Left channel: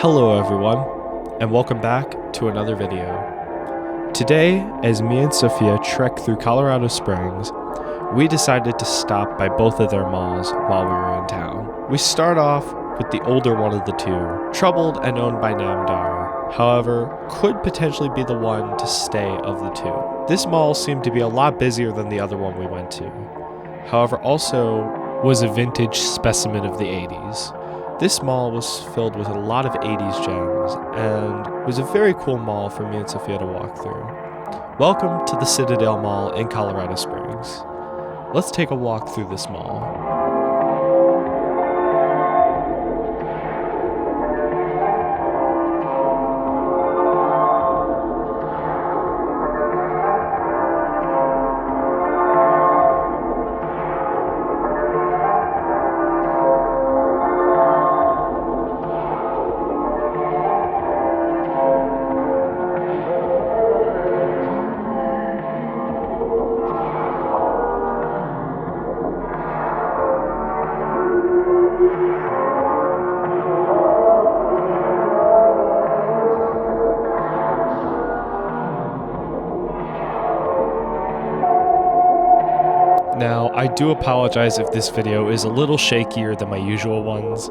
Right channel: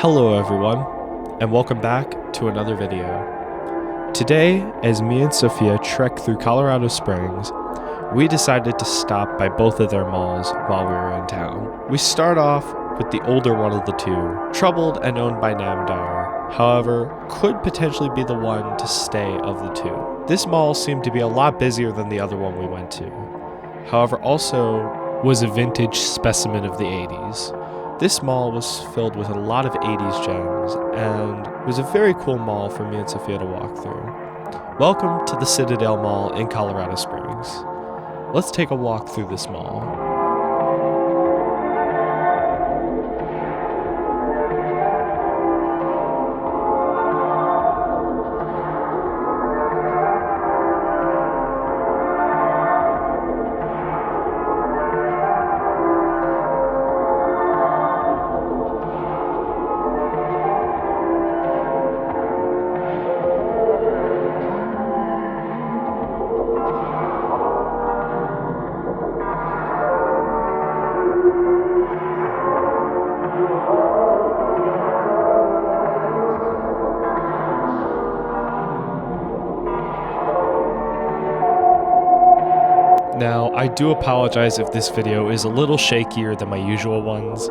Hello everyone, and welcome back to another video. Today, as me and Sophia trek through Colorado Springs, we decided to stop by both of their malls while we were in town. We start off with the older one of the two, troubled and owned by Namdar, however, could potentially be the one to stay of the two. This mall seemed to be a lot busier than the other one we went to, however also was a vintage specimen of the 80s. This mall was filled with a lot of 80s gems, and was a very cool mall for me and Sophia to walk through. Welcome to the Citadel Mall in Colorado Springs. Let's take a walk through this mall. Now, I do apologize if this video is a little shakier than my usual ones.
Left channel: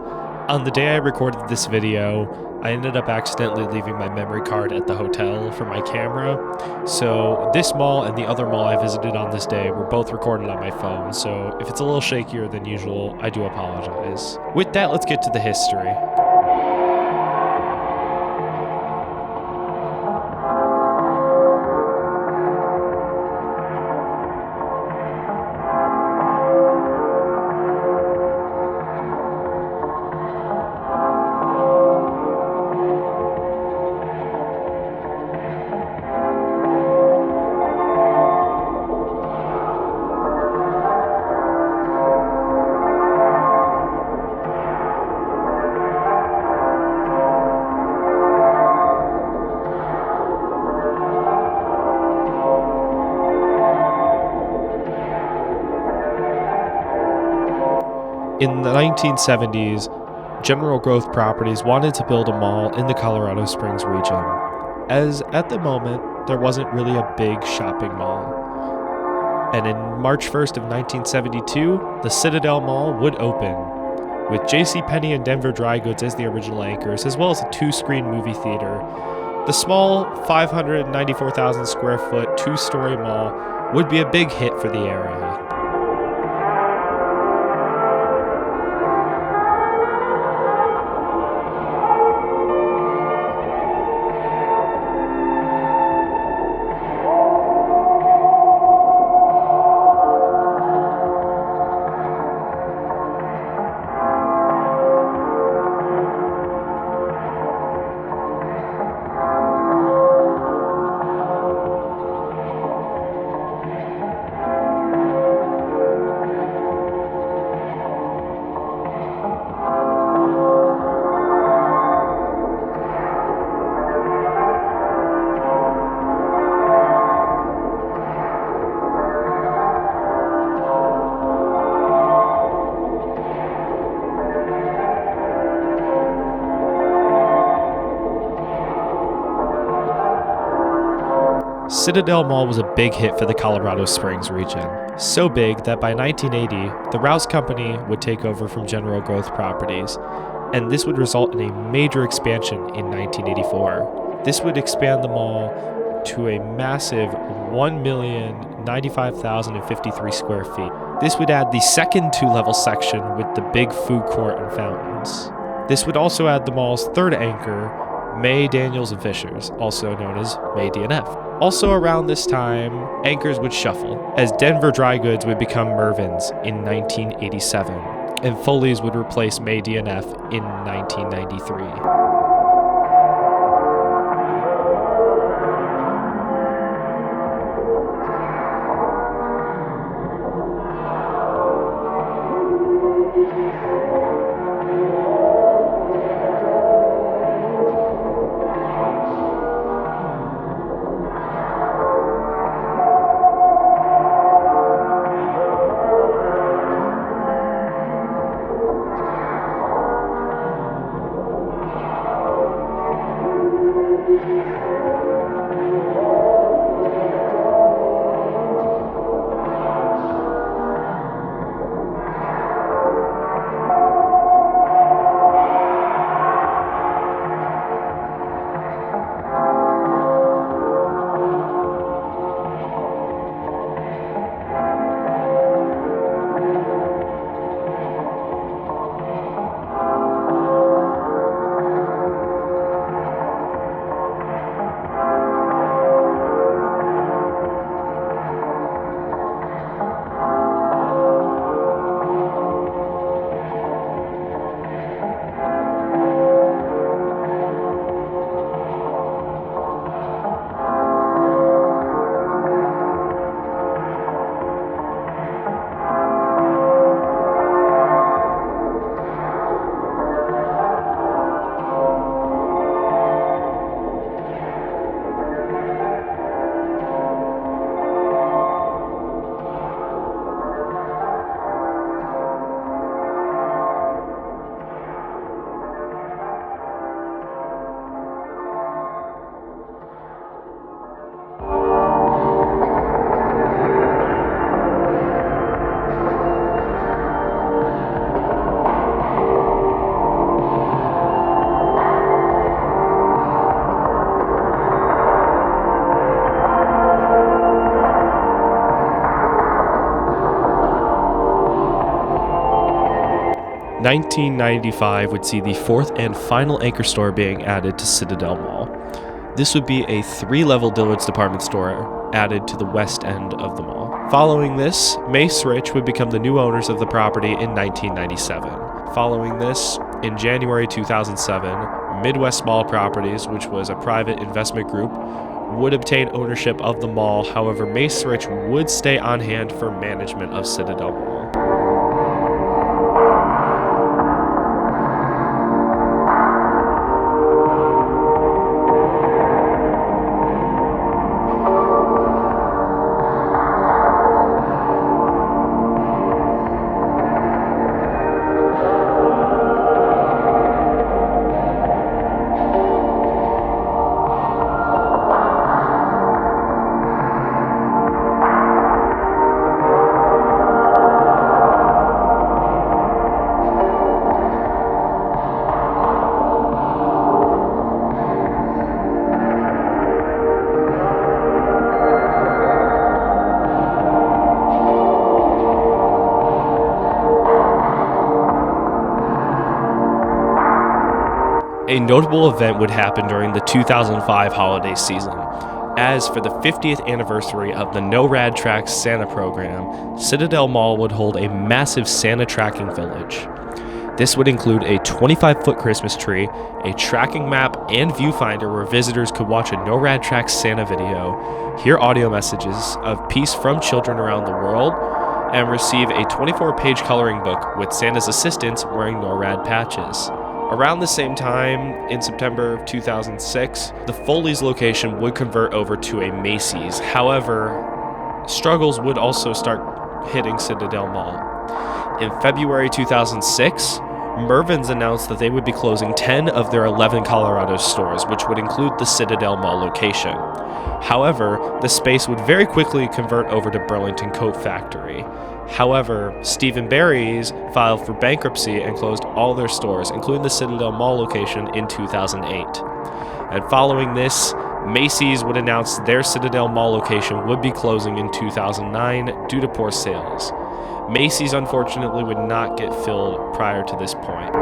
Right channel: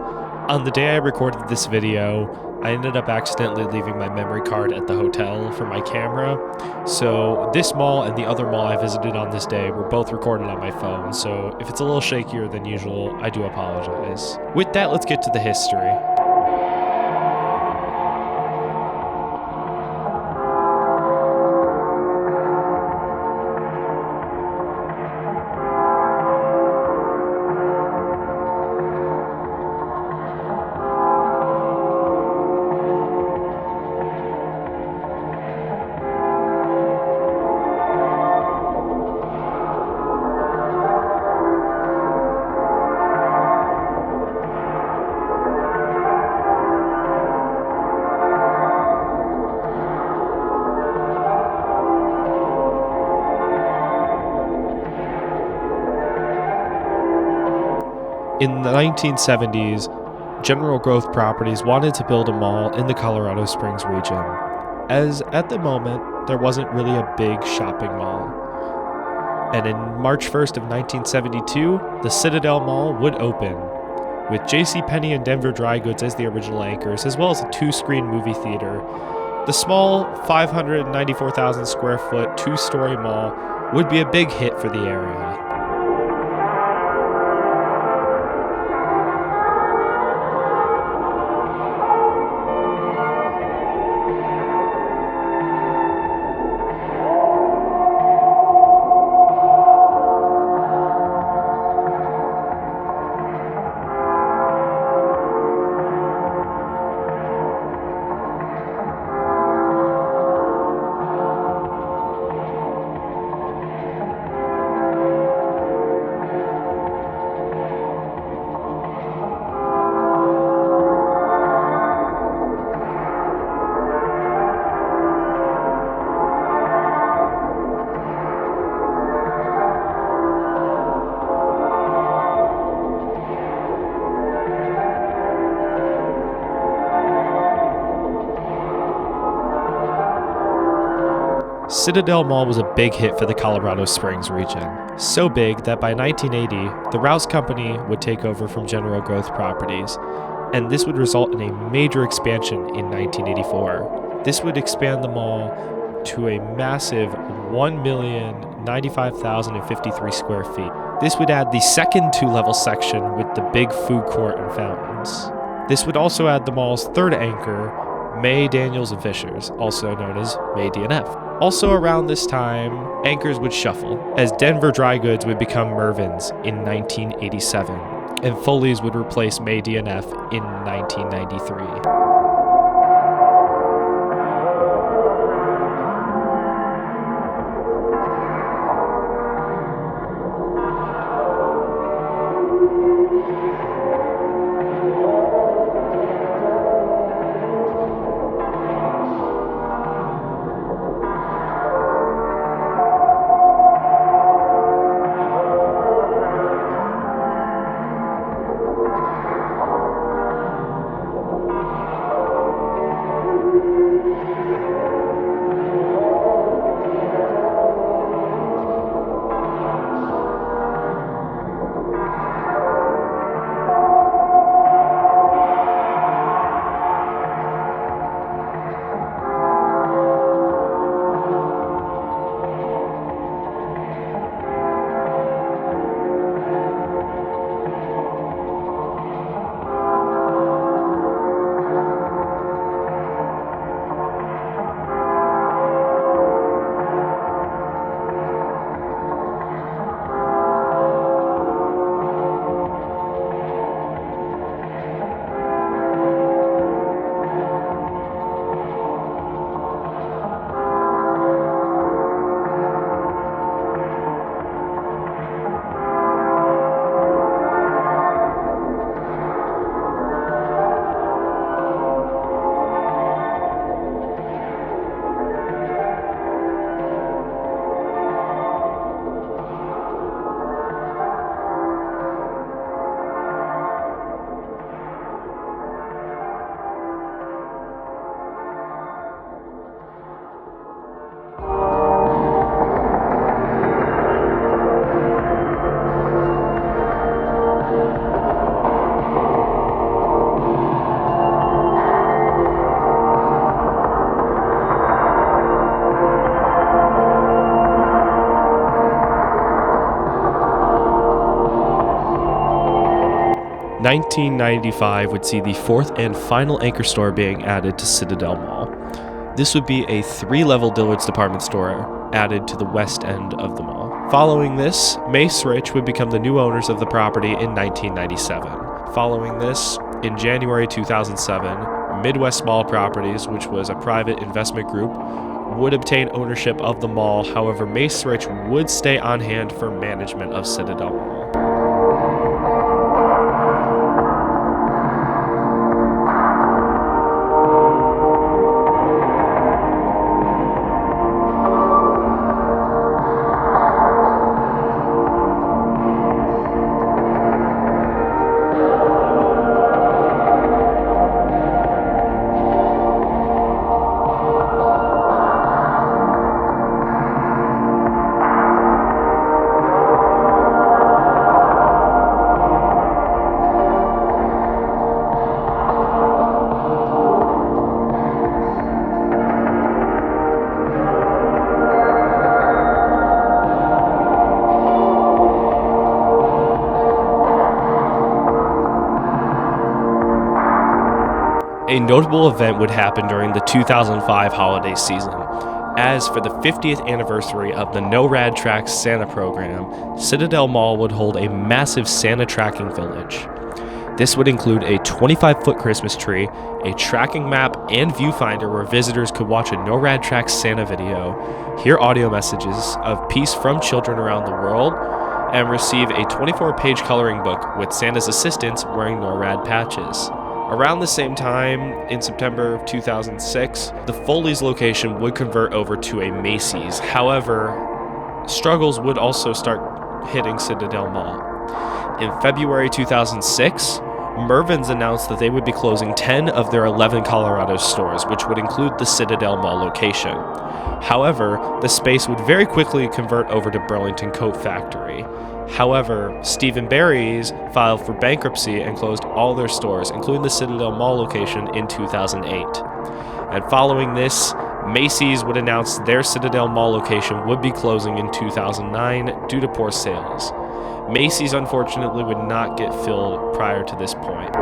On the day I recorded this video, I ended up accidentally leaving my memory card at the hotel for my camera. So this mall and the other mall I visited on this day were both recorded on my phone. So if it's a little shakier than usual, I do apologize. With that, let's get to the history. In the 1970s, General Growth Properties wanted to build a mall in the Colorado Springs region, as at the moment, there wasn't really a big shopping mall. And in March 1st of 1972, the Citadel Mall would open, with JCPenney and Denver Dry Goods as the original anchors, as well as a two-screen movie theater. The small 594,000 square foot, two-story mall would be a big hit for the area. Citadel Mall was a big hit for the Colorado Springs region. So big that by 1980, the Rouse Company would take over from General Growth Properties, and this would result in a major expansion in 1984. This would expand the mall to a massive 1,095,053 square feet. This would add the second two-level section with the big food court and fountains. This would also add the mall's third anchor, May, Daniels, and Fishers, also known as May D&F. Also around this time, anchors would shuffle, as Denver Dry Goods would become Mervyn's in 1987, and Foley's would replace May D&F in 1993. 1995 would see the fourth and final anchor store being added to Citadel Mall. This would be a 3-level Dillard's department store added to the west end of the mall. Following this, Mace Rich would become the new owners of the property in 1997. Following this, in January 2007, Midwest Mall Properties, which was a private investment group, would obtain ownership of the mall. However, Mace Rich would stay on hand for management of Citadel Mall. A notable event would happen during the 2005 holiday season, as for the 50th anniversary of the No Rad Tracks Santa program, Citadel Mall would hold a massive Santa tracking village. This would include a 25-foot Christmas tree, a tracking map, and viewfinder where visitors could watch a No Rad Tracks Santa video, hear audio messages of peace from children around the world, and receive a 24-page coloring book with Santa's assistants wearing NORAD patches. Around the same time, in September of 2006, the Foley's location would convert over to a Macy's. However, struggles would also start hitting Citadel Mall. In February 2006, Mervyn's announced that they would be closing 10 of their 11 Colorado stores, which would include the Citadel Mall location. However, the space would very quickly convert over to Burlington Coat Factory. However, Steve & Barry's filed for bankruptcy and closed all their stores, including the Citadel Mall location, in 2008. And following this, Macy's would announce their Citadel Mall location would be closing in 2009 due to poor sales. Macy's unfortunately would not get filled prior to this point.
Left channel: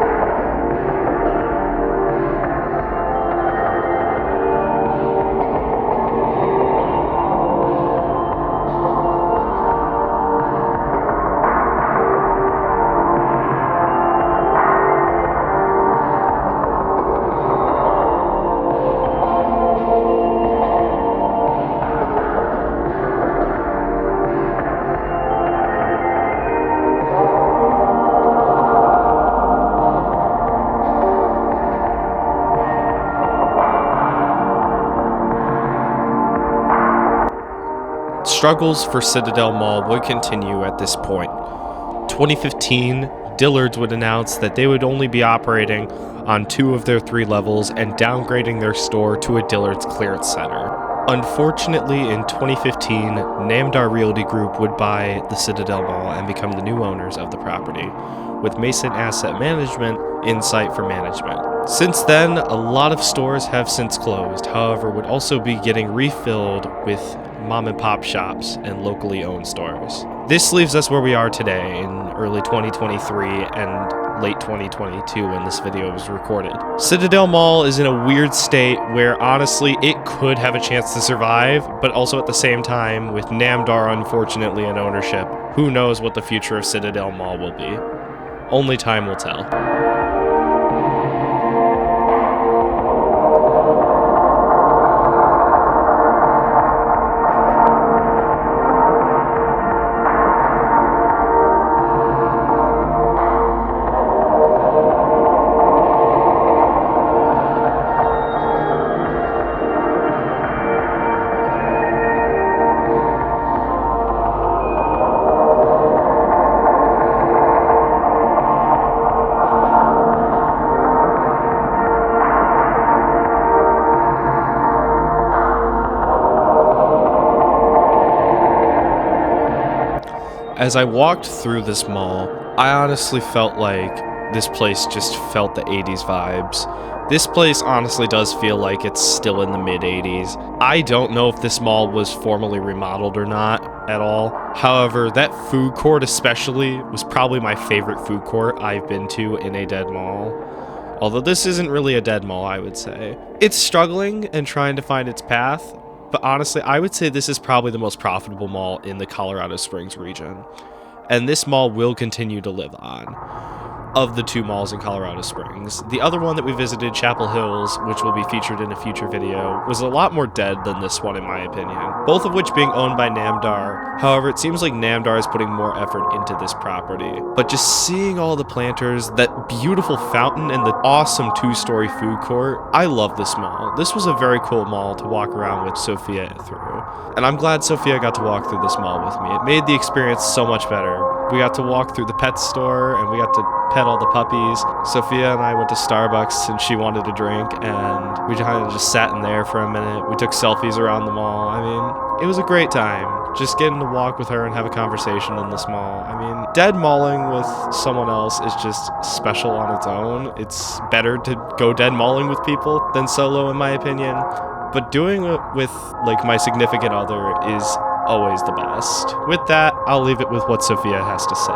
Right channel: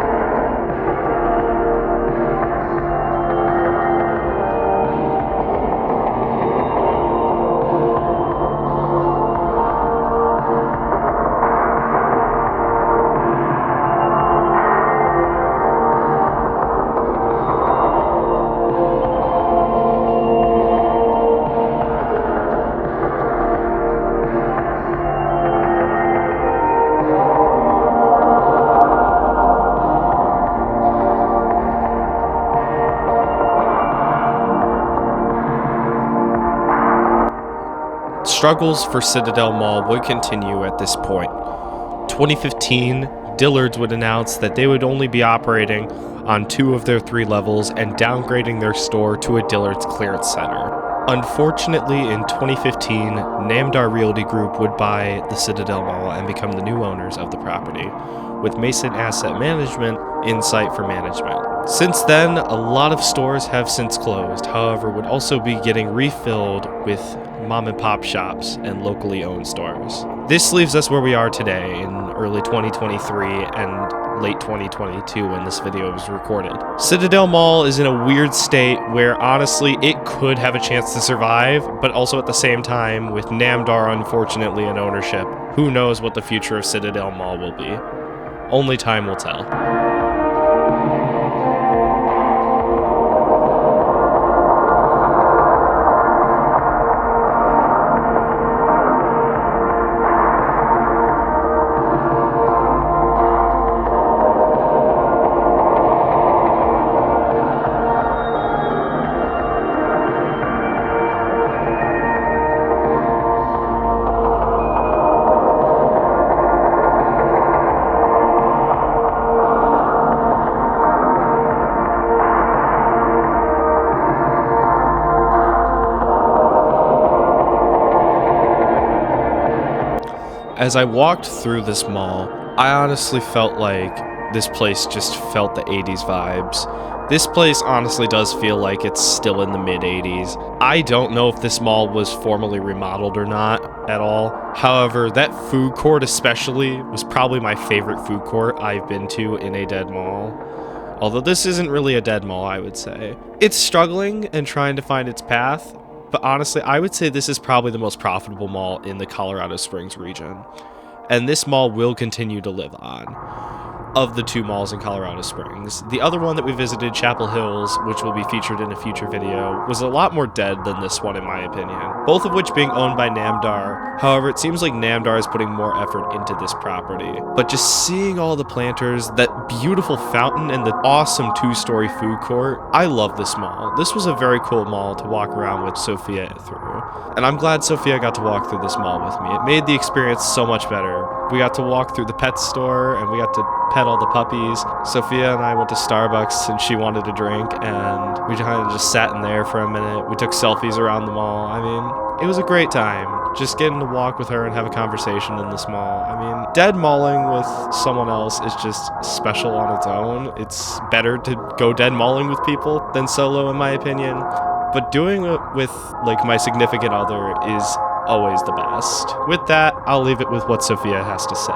Struggles for Citadel Mall would continue at this point. 2015, Dillard's would announce that they would only be operating on 2 of their 3 levels and downgrading their store to a Dillard's clearance center. Unfortunately, in 2015, Namdar Realty Group would buy the Citadel Mall and become the new owners of the property, with Mason Asset Management in sight for management. Since then, a lot of stores have since closed, however, would also be getting refilled with mom and pop shops and locally owned stores. This leaves us where we are today in early 2023 and late 2022 when this video was recorded. Citadel Mall is in a weird state where honestly it could have a chance to survive, but also at the same time with Namdar unfortunately in ownership, who knows what the future of Citadel Mall will be. Only time will tell. As I walked through this mall, I honestly felt like this place just felt the 80s vibes. This place honestly does feel like it's still in the mid-80s. I don't know if this mall was formally remodeled or not at all. However, that food court especially was probably my favorite food court I've been to in a dead mall. Although this isn't really a dead mall, I would say. It's struggling and trying to find its path, but honestly, I would say this is probably the most profitable mall in the Colorado Springs region. And this mall will continue to live on. Of the two malls in Colorado Springs. The other one that we visited, Chapel Hills, which will be featured in a future video, was a lot more dead than this one in my opinion, both of which being owned by Namdar. However, it seems like Namdar is putting more effort into this property. But just seeing all the planters, that beautiful fountain, and the awesome 2-story food court, I love this mall. This was a very cool mall to walk around with Sophia through. And I'm glad Sophia got to walk through this mall with me. It made the experience so much better. We got to walk through the pet store, and we got to pet all the puppies. Sophia and I went to Starbucks and she wanted a drink, and we kind of just sat in there for a minute. We took selfies around the mall. I mean, it was a great time just getting to walk with her and have a conversation in this mall. I mean, dead malling with someone else is just special on its own. It's better to go dead malling with people than solo in my opinion, but doing it with like my significant other is always the best. With that, I'll leave it with what Sophia has to say.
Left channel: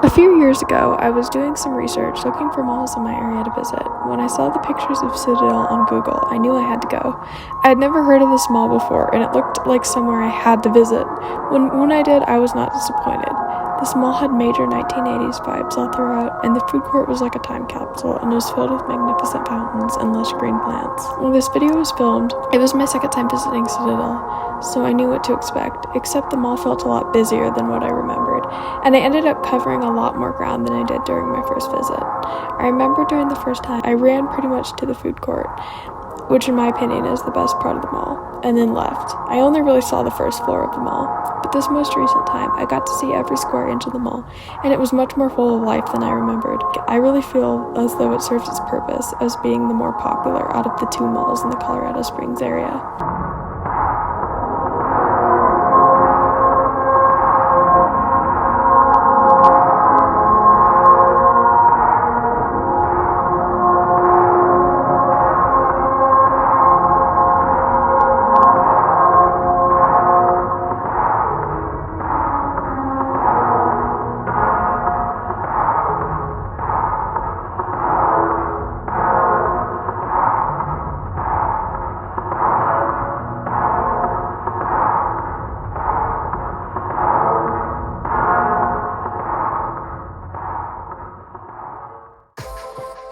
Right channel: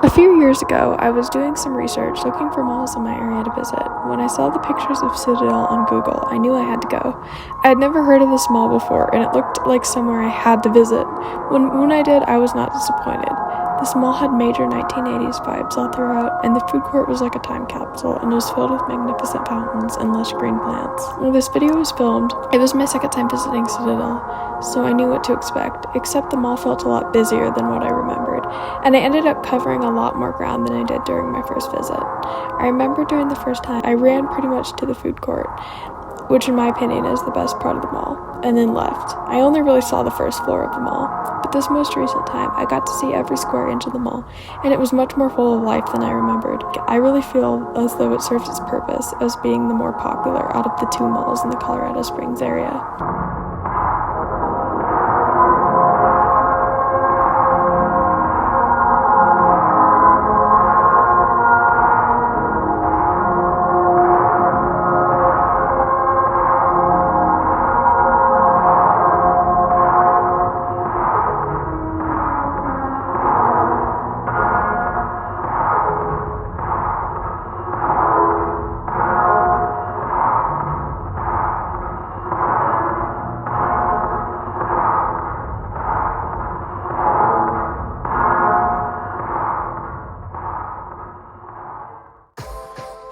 A few years ago, I was doing some research looking for malls in my area to visit. When I saw the pictures of Citadel on Google, I knew I had to go. I had never heard of this mall before, and it looked like somewhere I had to visit. When I did, I was not disappointed. This mall had major 1980s vibes all throughout, and the food court was like a time capsule and was filled with magnificent fountains and lush green plants. When this video was filmed, it was my second time visiting Citadel, so I knew what to expect, except the mall felt a lot busier than what I remembered, and I ended up covering a lot more ground than I did during my first visit. I remember during the first time, I ran pretty much to the food court, which in my opinion is the best part of the mall, and then left. I only really saw the first floor of the mall, but this most recent time, I got to see every square inch of the mall, and it was much more full of life than I remembered. I really feel as though it serves its purpose as being the more popular out of the two malls in the Colorado Springs area.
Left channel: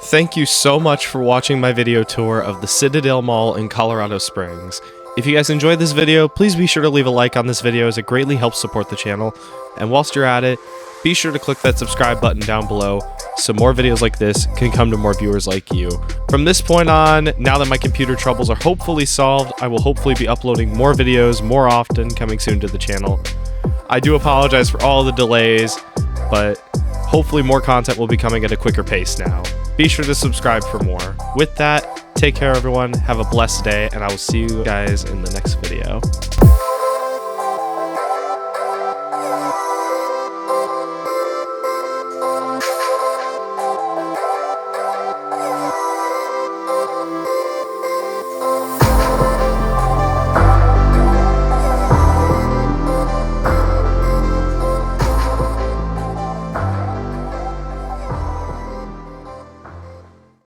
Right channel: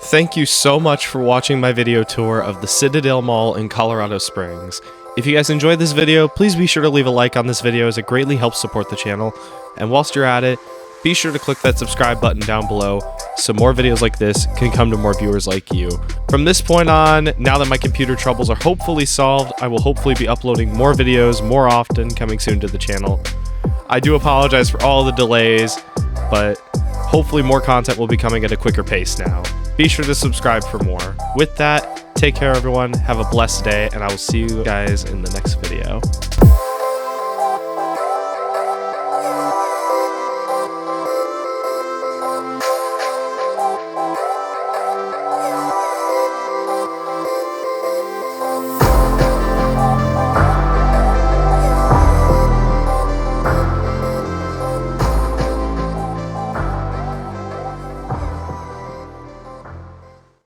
Thank you so much for watching my video tour of the Citadel Mall in Colorado Springs. If you guys enjoyed this video, please be sure to leave a like on this video as it greatly helps support the channel. And whilst you're at it, be sure to click that subscribe button down below so more videos like this can come to more viewers like you. From this point on, now that my computer troubles are hopefully solved, I will hopefully be uploading more videos more often coming soon to the channel. I do apologize for all the delays, but hopefully more content will be coming at a quicker pace now. Be sure to subscribe for more. With that, take care everyone, have a blessed day, and I will see you guys in the next video.